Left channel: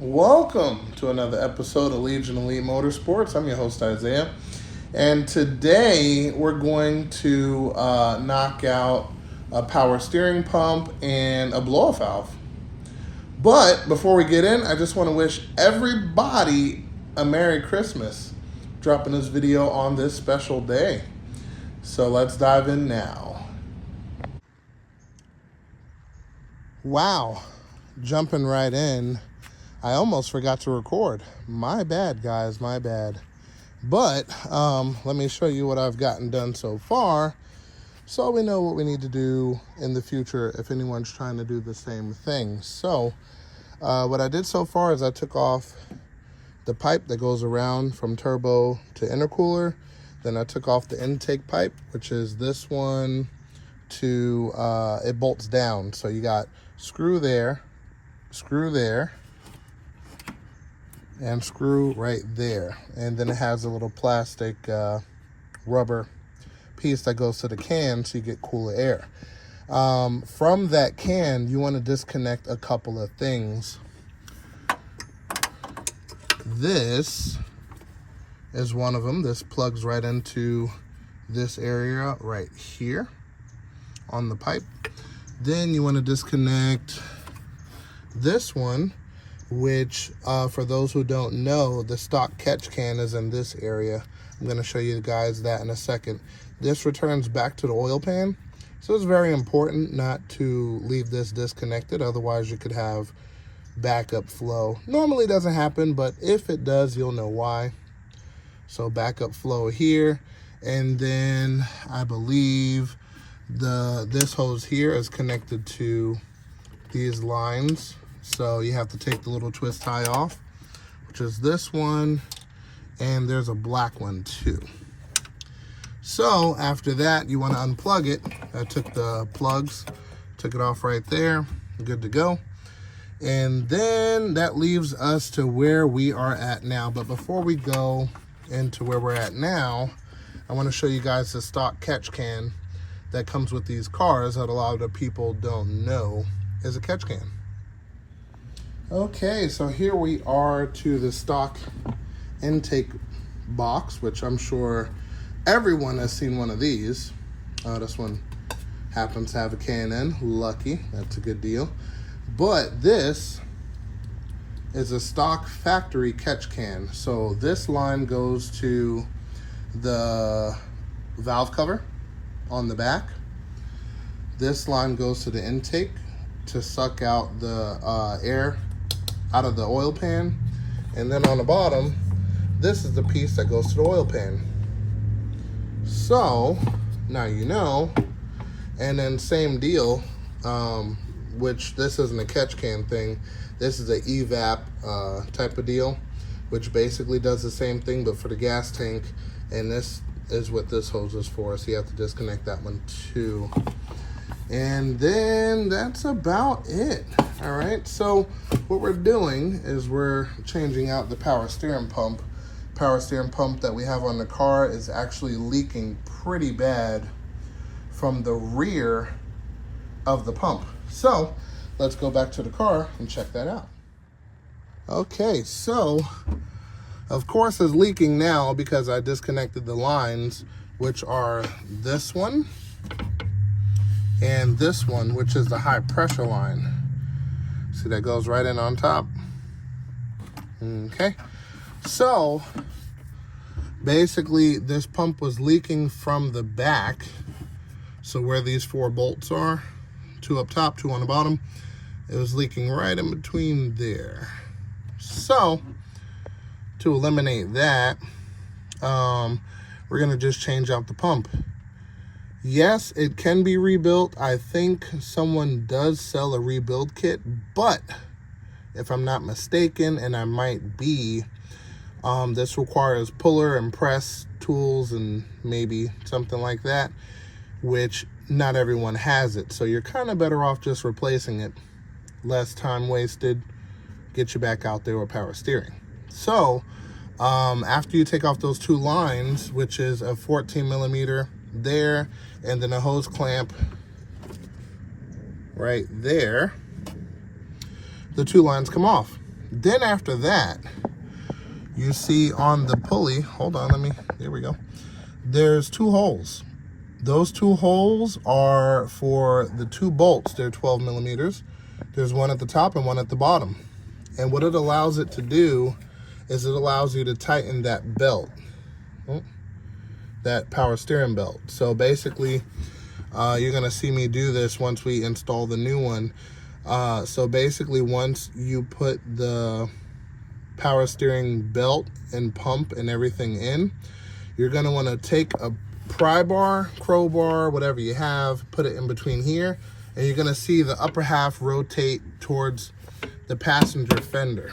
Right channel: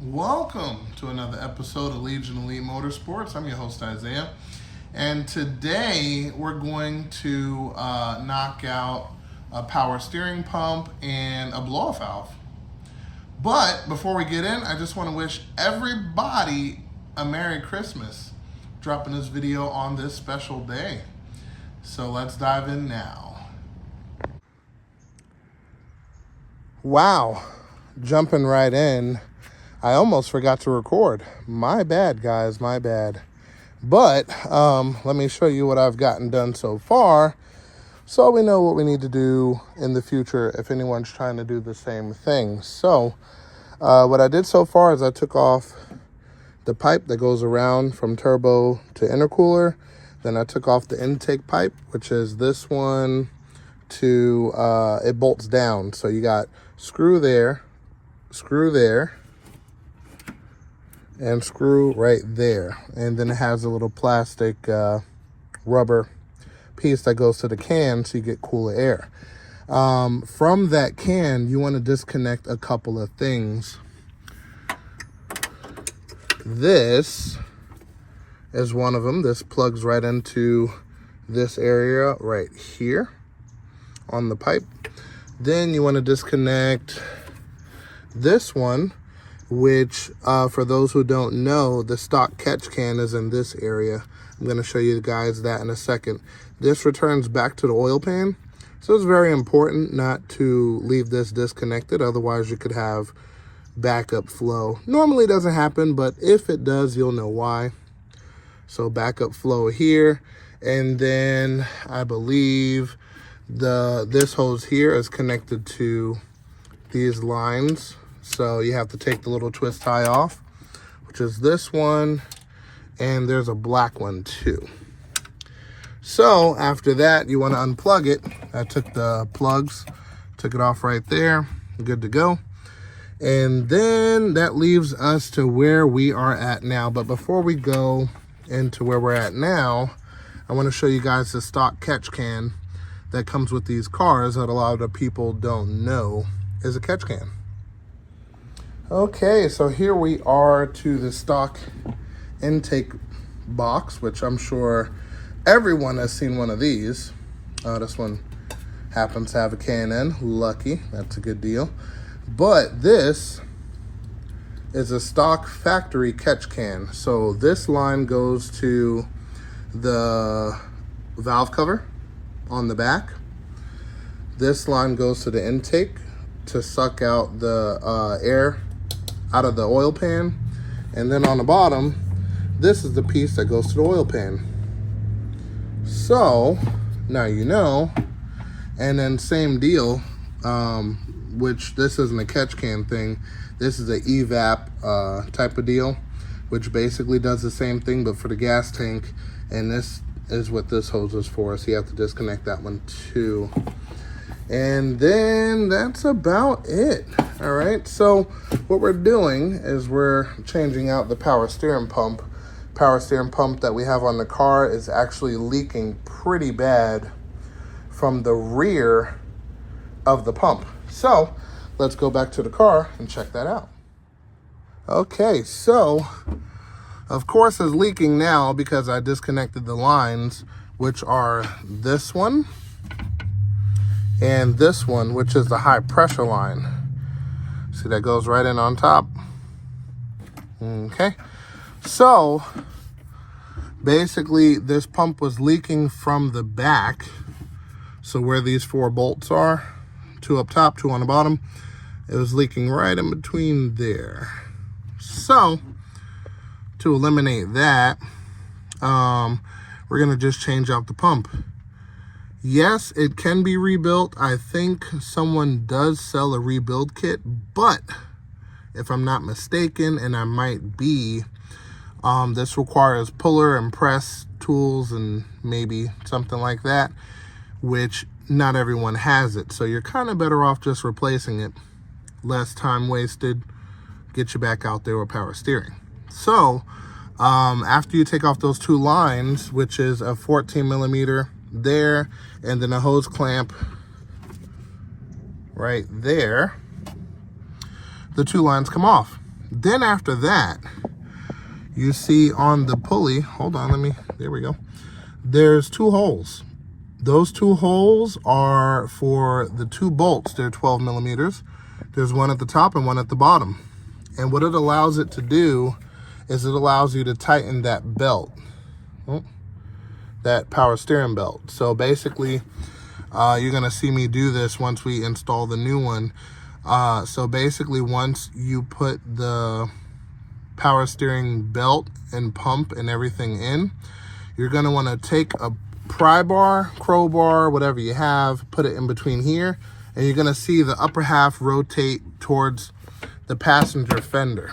Welcome to another episode of Legion Elite Motorsports. I'm your host, Isaiah. And today we're going to knock out a power steering pump and a blow-off valve. But before we get in, I just want to wish everybody a Merry Christmas. Dropping this video on this special day. So let's dive in now. Wow, jumping right in. I almost forgot to record. My bad, guys, my bad. But let me show you what I've gotten done so far so we know what we need to do in the future if anyone's trying to do the same thing. So what I did so far is I took off the pipe that goes around from turbo to intercooler. Then I took off the intake pipe, which is this one to, it bolts down. So you got screw there, and screw right there. And then it has a little plastic rubber piece that goes to the can so you get cooler air. From that can, you want to disconnect a couple of things. This is one of them. This plugs right into this area right here on the pipe. Then you want to disconnect this one, which for those who don't know, the stock catch can is in this area. I'm going to show you guys that in a second. This returns back to the oil pan, so it's very important not to leave this disconnected, otherwise you could have backup flow. Normally it doesn't happen, but if it does, you'll know why. So backup flow here, and then I believe this hose here is connected to these lines. So you have to take the little twist tie off, which is this one, and there's a black one too. So after that, you want to unplug it. I took the plugs, took it off right there, good to go. And then that leaves us to where we are at now. But before we go into where we're at now, I want to show you guys the stock catch can that comes with these cars that a lot of people don't know is a catch can. Okay, so here we are to the stock intake box, which I'm sure everyone has seen one of these. This one happens to have a K&N, lucky, that's a good deal. But this is a stock factory catch can. So this line goes to the valve cover on the back. This line goes to the intake to suck out the air out of the oil pan, and then on the bottom, this is the piece that goes to the oil pan. So now you know. And then same deal, which this isn't a catch can thing, this is an evap type of deal, which basically does the same thing but for the gas tank, and this is what this hose is for, so you have to disconnect that one too. And then that's about it. All right, so what we're doing is we're changing out the power steering pump. Power steering pump that we have on the car is actually leaking pretty bad from the rear of the pump. So let's go back to the car and check that out. Okay, so of course it's leaking now because I disconnected the lines, which are this one and this one, which is the high pressure line. See, that goes right in on top. Okay, so basically this pump was leaking from the back. So where these 4 bolts are, 2 up top, 2 on the bottom, it was leaking right in between there. So to eliminate that, we're gonna just change out the pump. Yes, it can be rebuilt. I think someone does sell a rebuild kit, but if I'm not mistaken, and I might be, this requires puller and press tools and maybe something like that, which not everyone has it. So you're kind of better off just replacing it. Less time wasted, get you back out there with power steering. So after you take off those 2 lines, which is a 14 millimeter there, and then a hose clamp right there, the 2 lines come off. Then after that, you see on the pulley, hold on, there we go. There's 2 holes. Those 2 holes are for the 2 bolts. They're 12 millimeters. There's one at the top and one at the bottom. And what it allows it to do is it allows you to tighten that belt, that power steering belt. So basically, you're gonna see me do this once we install the new one. So basically, once you put the power steering belt and pump and everything in, you're gonna wanna take a pry bar, crowbar, whatever you have, put it in between here, and you're gonna see the upper half rotate towards the passenger fender,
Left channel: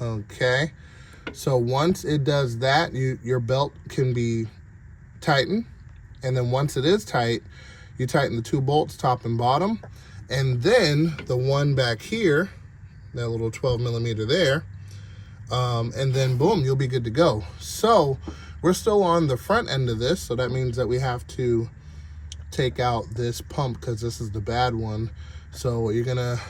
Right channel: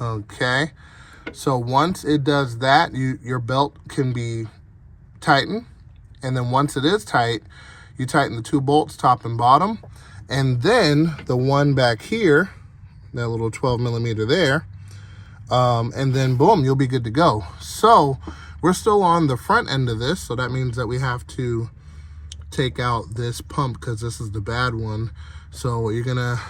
okay? So once it does that, your belt can be tightened, and then once it is tight, you tighten the 2 bolts, top and bottom, and then the one back here, that little 12 millimeter there, and then boom, you'll be good to go. So we're still on the front end of this, so that means that we have to take out this pump because this is the bad one. So you're gonna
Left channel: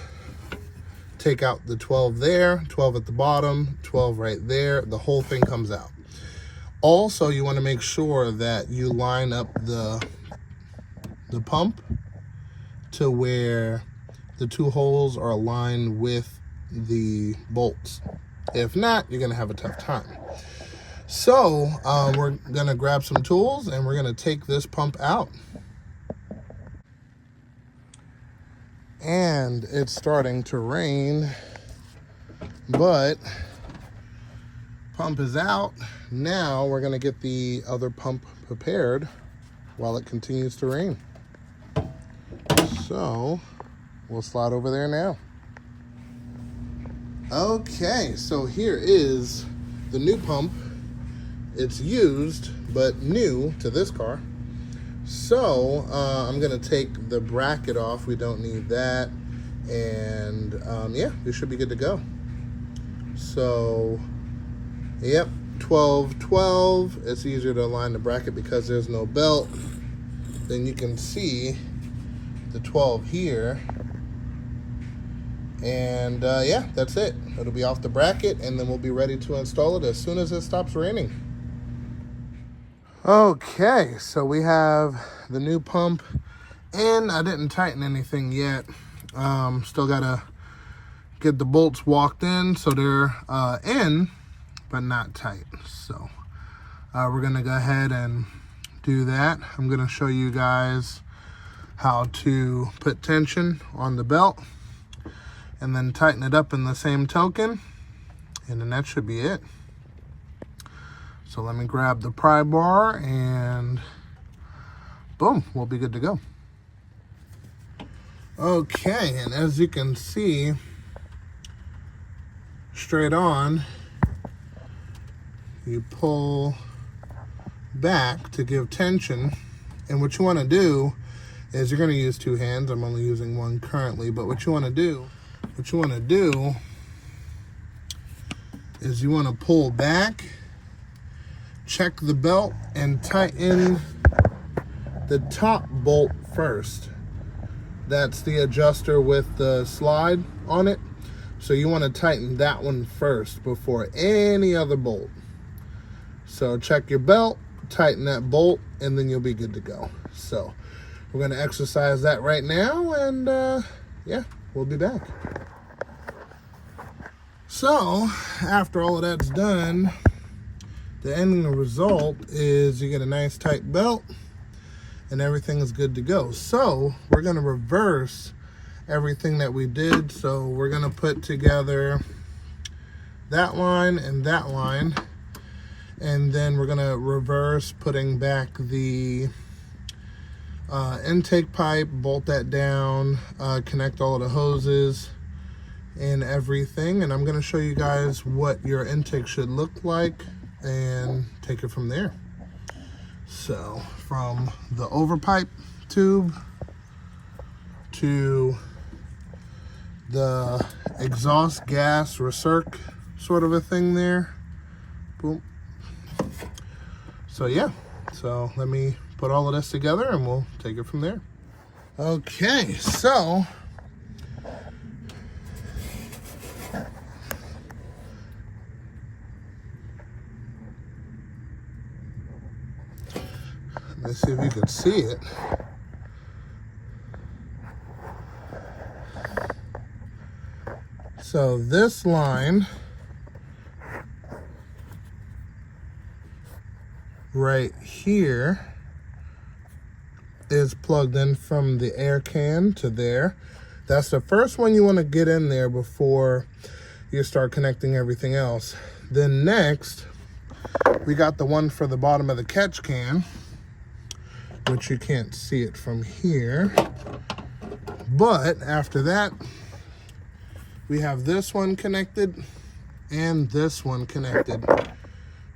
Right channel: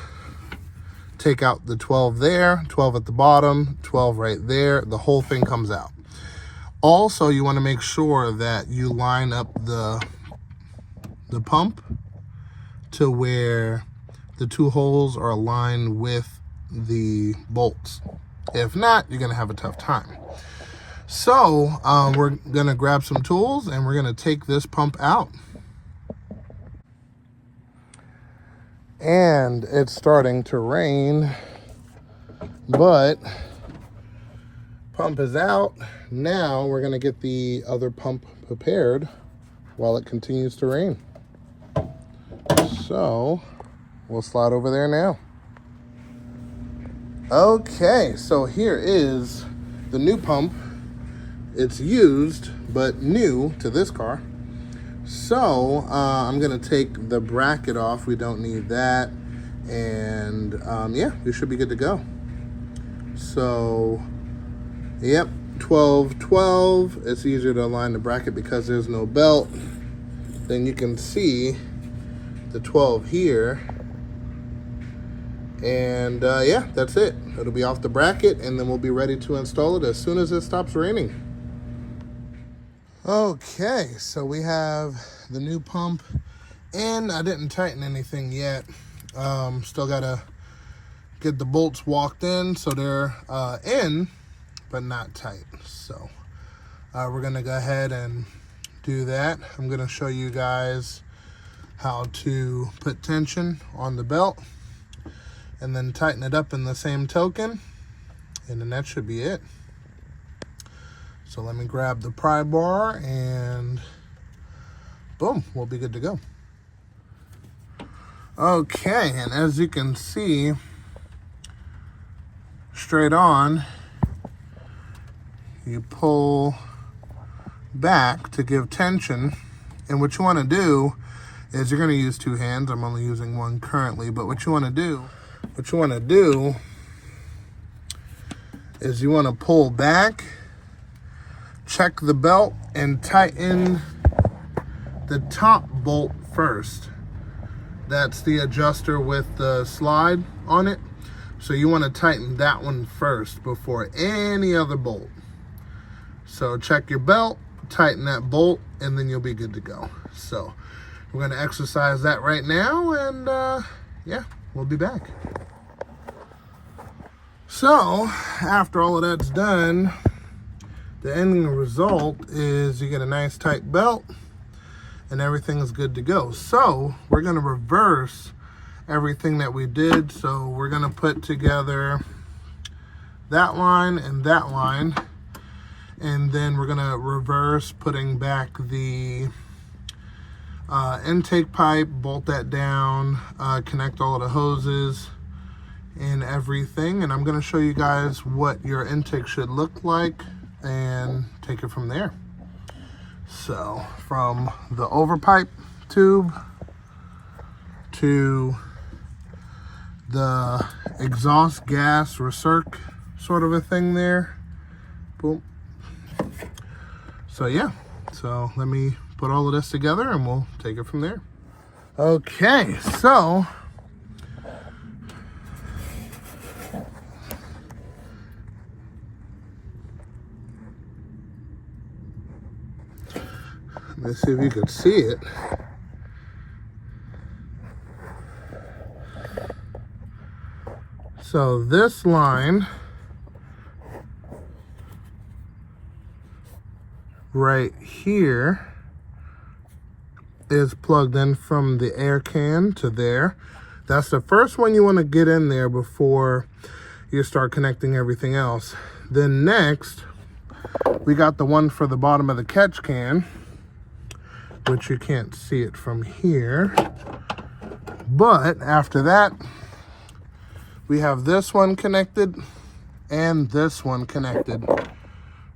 take out the 12 there, 12 at the bottom, 12 right there, the whole thing comes out. Also, you wanna make sure that you line up the pump to where the 2 holes are aligned with the bolts. If not, you're gonna have a tough time. So we're gonna grab some tools and we're gonna take this pump out. And it's starting to rain, but pump is out. Now we're gonna get the other pump prepared while it continues to rain. So we'll slide over there now. Okay, so here is the new pump. It's used, but new to this car. So I'm gonna take the bracket off. We don't need that. And yeah, we should be good to go. So, yep, 12, 12. It's easier to align the bracket because there's no belt. Then you can see the 12 here. And yeah, that's it. It'll be off the bracket and then we'll be ready to install it as soon as it stops raining. Okay, so we have the new pump in. I didn't tighten anything yet. Still gotta get the bolts walked in so they're in, but not tight. So we're gonna go ahead and do that. I'm gonna show you guys how to put tension on the belt and then tighten it up in the same token, and then that should be it. So let me grab the pry bar and boom, we'll be good to go. Okay, and as you can see, straight on, you pull back to give tension, and what you want to do is you're going to use 2 hands. I'm only using 1 currently, but what you want to do is you want to pull back, check the belt, and tighten the top bolt first. That's the adjuster with the slide on it. So you want to tighten that one first before any other bolt. So check your belt, tighten that bolt, and then you'll be good to go. So we're going to exercise that right now, and yeah, we'll be back. So after all of that's done, the ending result is you get a nice tight belt and everything is good to go. So we're going to reverse everything that we did. So we're going to put together that line and that line, and then we're going to reverse putting back the intake pipe, bolt that down, connect all of the hoses and everything, and I'm going to show you guys what your intake should look like and take it from there. So from the overpipe tube to the exhaust gas recirc sort of a thing there. Boom. So yeah, so let me put all of this together and we'll take it from there. Okay, so Let's see if you could see it. So this line right here is plugged in from the air can to there. That's the first one you want to get in there before you start connecting everything else. Then next, we got the one for the bottom of the catch can, which you can't see it from here. But after that, we have this one connected and this one connected.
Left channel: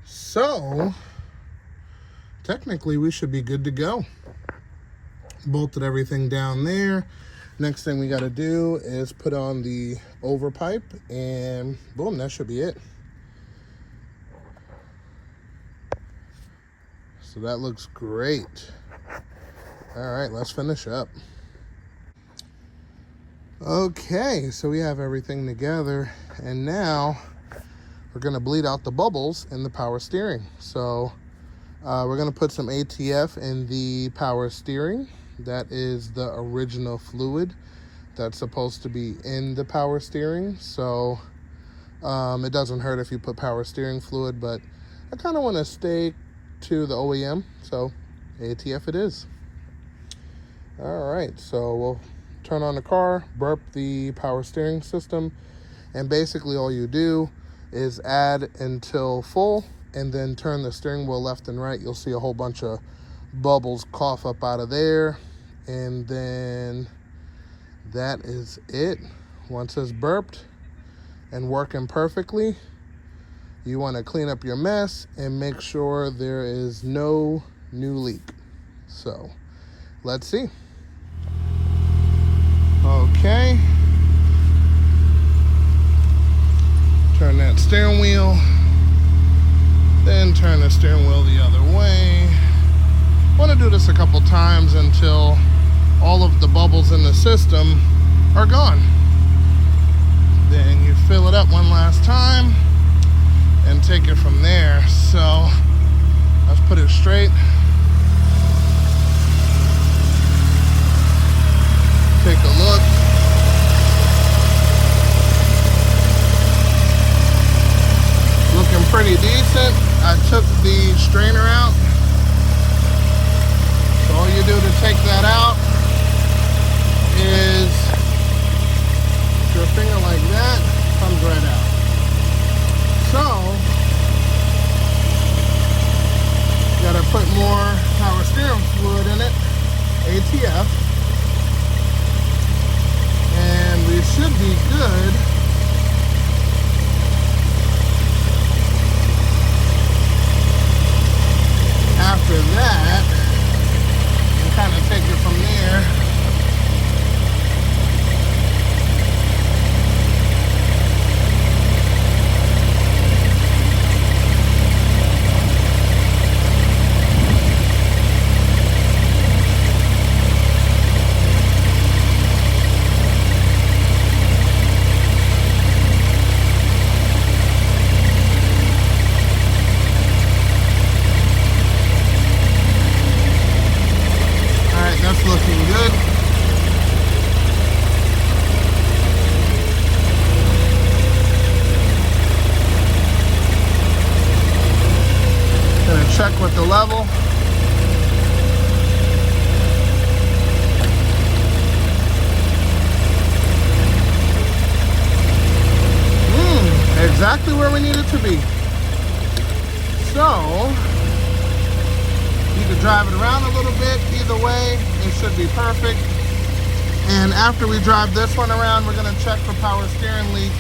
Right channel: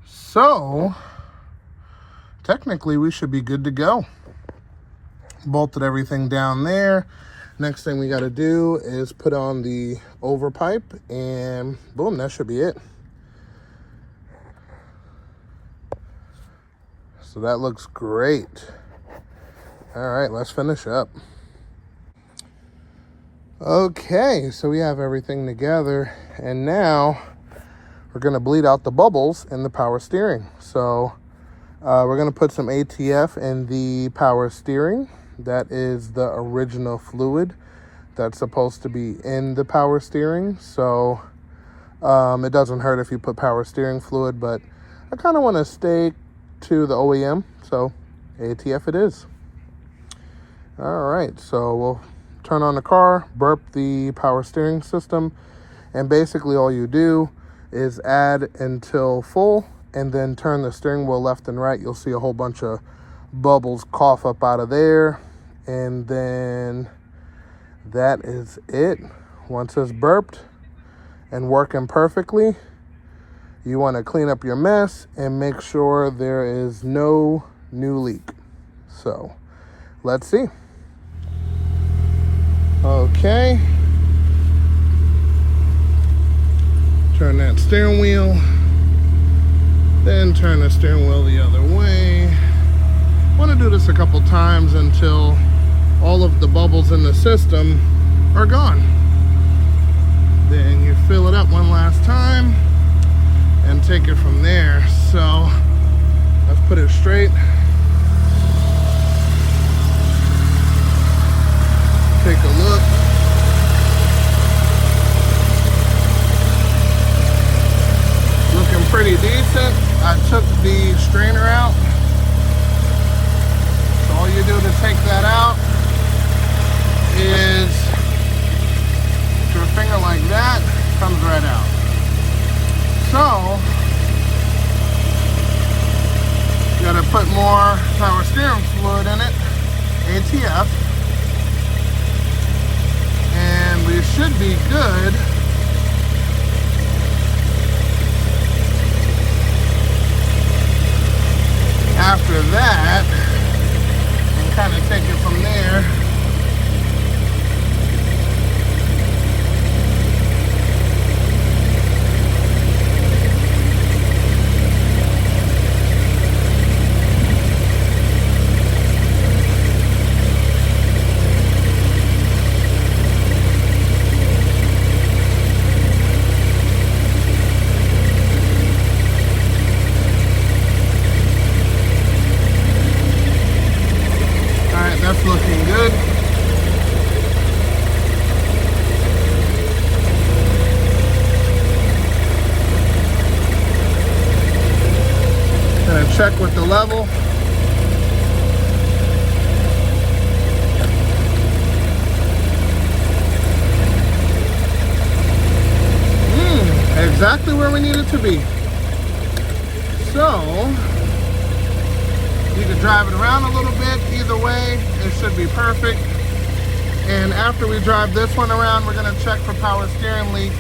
So technically we should be good to go. Bolted everything down there. Next thing we got to do is put on the overpipe, and boom, that should be it. So that looks great. All right, let's finish up. Okay, so we have everything together, and now we're gonna bleed out the bubbles in the power steering. So we're gonna put some ATF in the power steering. That is the original fluid that's supposed to be in the power steering. So it doesn't hurt if you put power steering fluid, but I kind of want to stay to the OEM, so ATF it is. All right, so we'll turn on the car, burp the power steering system, and basically all you do is add until full and then turn the steering wheel left and right. You'll see a whole bunch of bubbles cough up out of there, and then that is it. Once it's burped and working perfectly, you want to clean up your mess and make sure there is no new leak. So let's see. Okay, turn that steering wheel, then turn the steering wheel the other way. Want to do this a couple times until all of the bubbles in the system are gone. Then you fill it up one last time and take it from there. So let's put it straight. Take a look. Looking pretty decent. I took the strainer out. So all you do to take that out is your finger like that, comes right out. So you gotta put more power steering fluid in it, ATF, and we should be good. After that, you can kind of take it from there. Check with the level. Exactly where we need it to be. So you can drive it around a little bit. Either way, it should be perfect. And after we drive this one around, we're going to check for power steering leaks.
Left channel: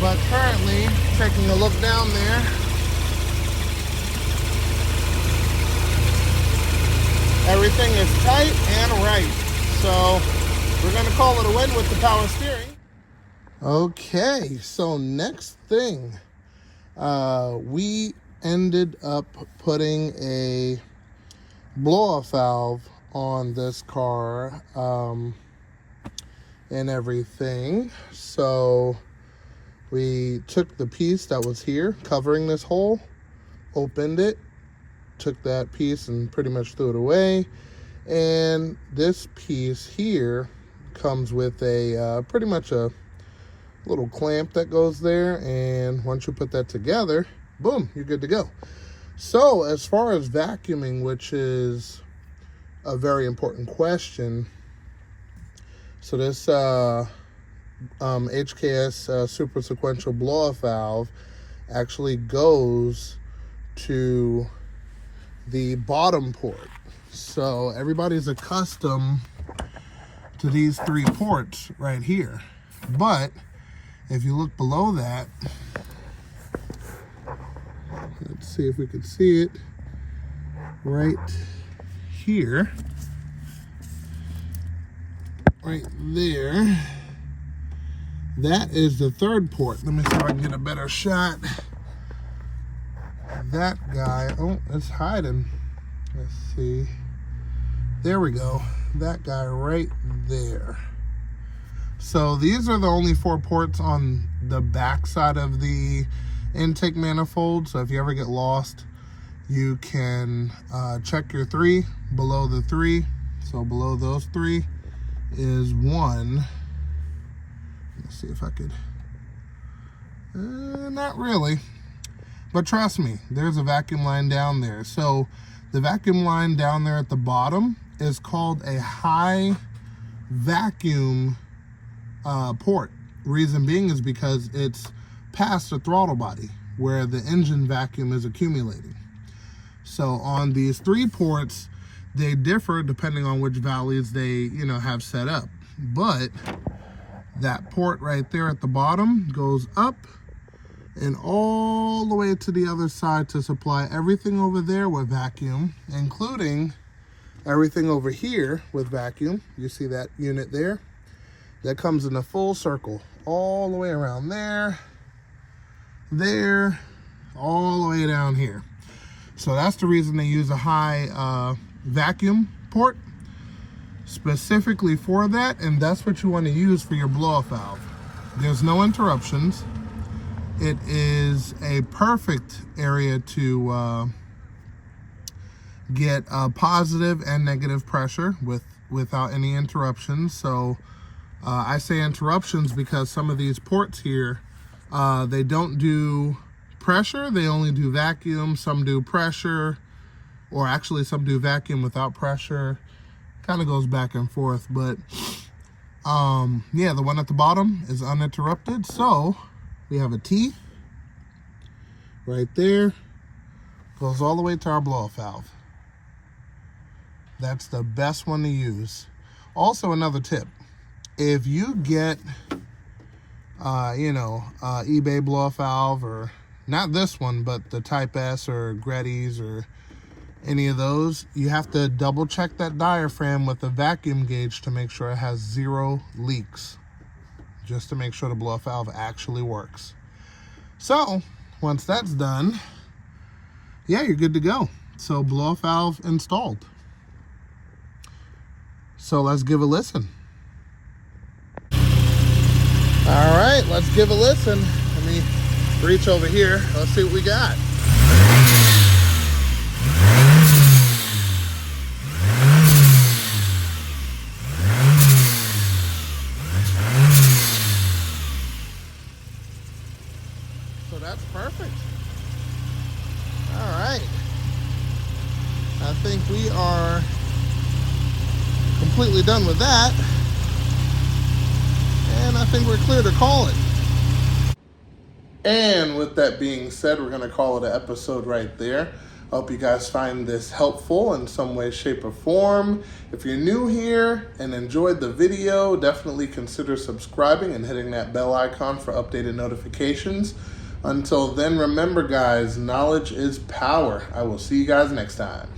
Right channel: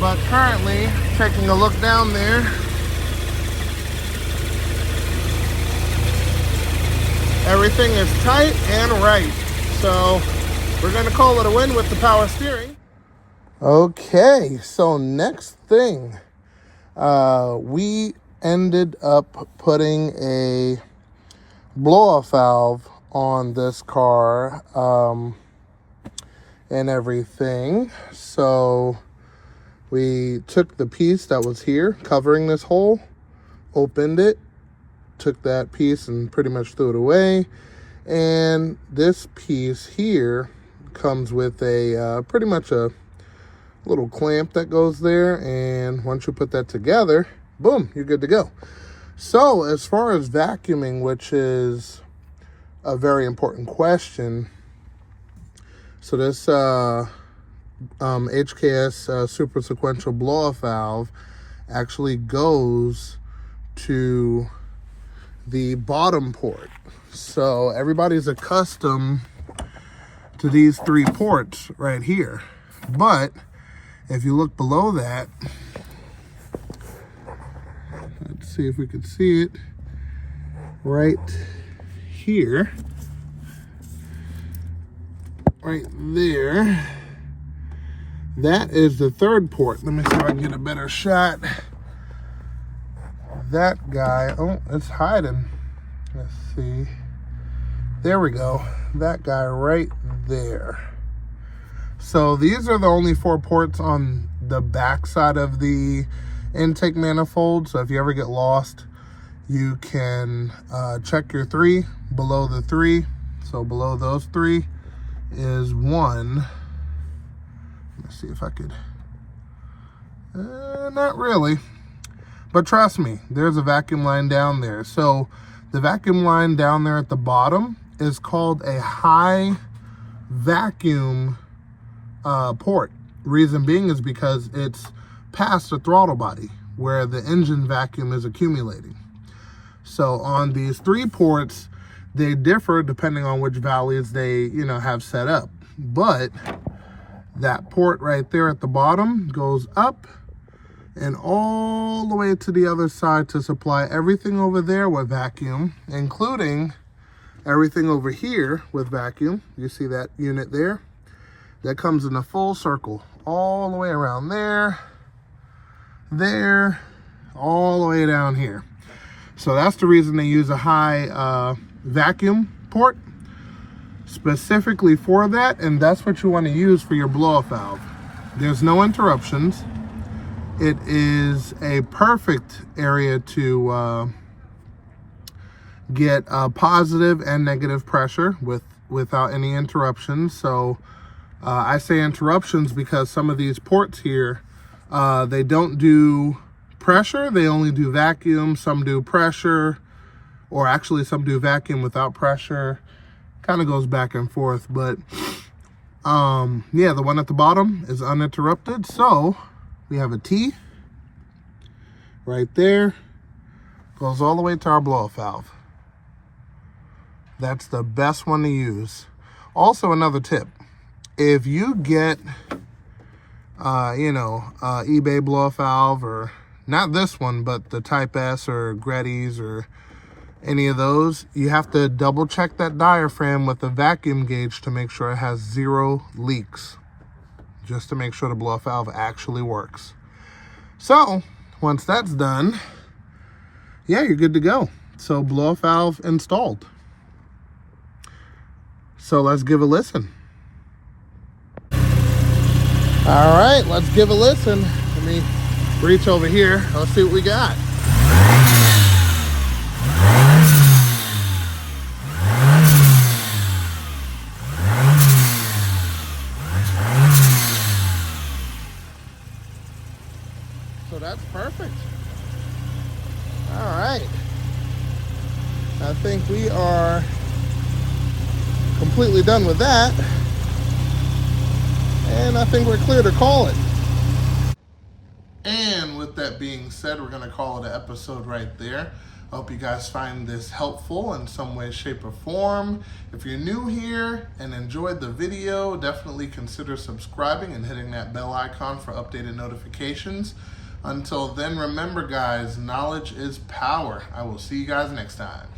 But currently, taking a look down there, everything is tight and right. So we're gonna call it a win with the power steering. Okay, so next thing, we ended up putting a blow-off valve on this car and everything. So we took the piece that was here covering this hole, opened it, took that piece and pretty much threw it away. And this piece here comes with a pretty much a little clamp that goes there, and once you put that together, boom, you're good to go. So as far as vacuuming, which is a very important question, so this HKS super sequential blow-off valve actually goes to the bottom port. So everybody's accustomed to these 3 ports right here, but if you look below that, let's see if we can see it right here, right there. That is the 3rd port. Let me see if I can get a better shot. That guy, oh, it's hiding. Let's see. There we go. That guy right there. So these are the only 4 ports on the back side of the intake manifold. So if you ever get lost, you can check your 3 below the 3. So below those 3 is 1. Let's see if I could, not really, but trust me, there's a vacuum line down there. So the vacuum line down there at the bottom is called a high vacuum port. Reason being is because it's past the throttle body where the engine vacuum is accumulating. So on these 3 ports, they differ depending on which valleys they, have set up. But that port right there at the bottom goes up and all the way to the other side to supply everything over there with vacuum, including everything over here with vacuum. You see that unit there? That comes in a full circle all the way around there, all the way down here. So that's the reason they use a high vacuum port specifically for that, and that's what you want to use for your blow-off valve. There's no interruptions. It is a perfect area to get positive and negative pressure without any interruptions. So I say interruptions because some of these ports here, they don't do pressure, they only do vacuum. Some do pressure, or actually some do vacuum without pressure. Kind of goes back and forth, but yeah, the one at the bottom is uninterrupted. So we have a T right there, goes all the way to our blow-off valve. That's the best one to use. Also, another tip, if you get eBay blow-off valve, or not this one, but the Type S or Gretti's or any of those, you have to double check that diaphragm with a vacuum gauge to make sure it has 0 leaks, just to make sure the blow-off valve actually works. So once that's done, yeah, you're good to go. So blow-off valve installed. So let's give a listen. All right, let's give a listen. Let me reach over here. I'll see what we got. So that's perfect. All right. I think we are completely done with that. And I think we're clear to call it. And with that being said, we're going to call it an episode right there. I hope you guys find this helpful in some way, shape, or form. If you're new here and enjoyed the video, definitely consider subscribing and hitting that bell icon for updated notifications. Until then, remember guys, knowledge is power. I will see you guys next time.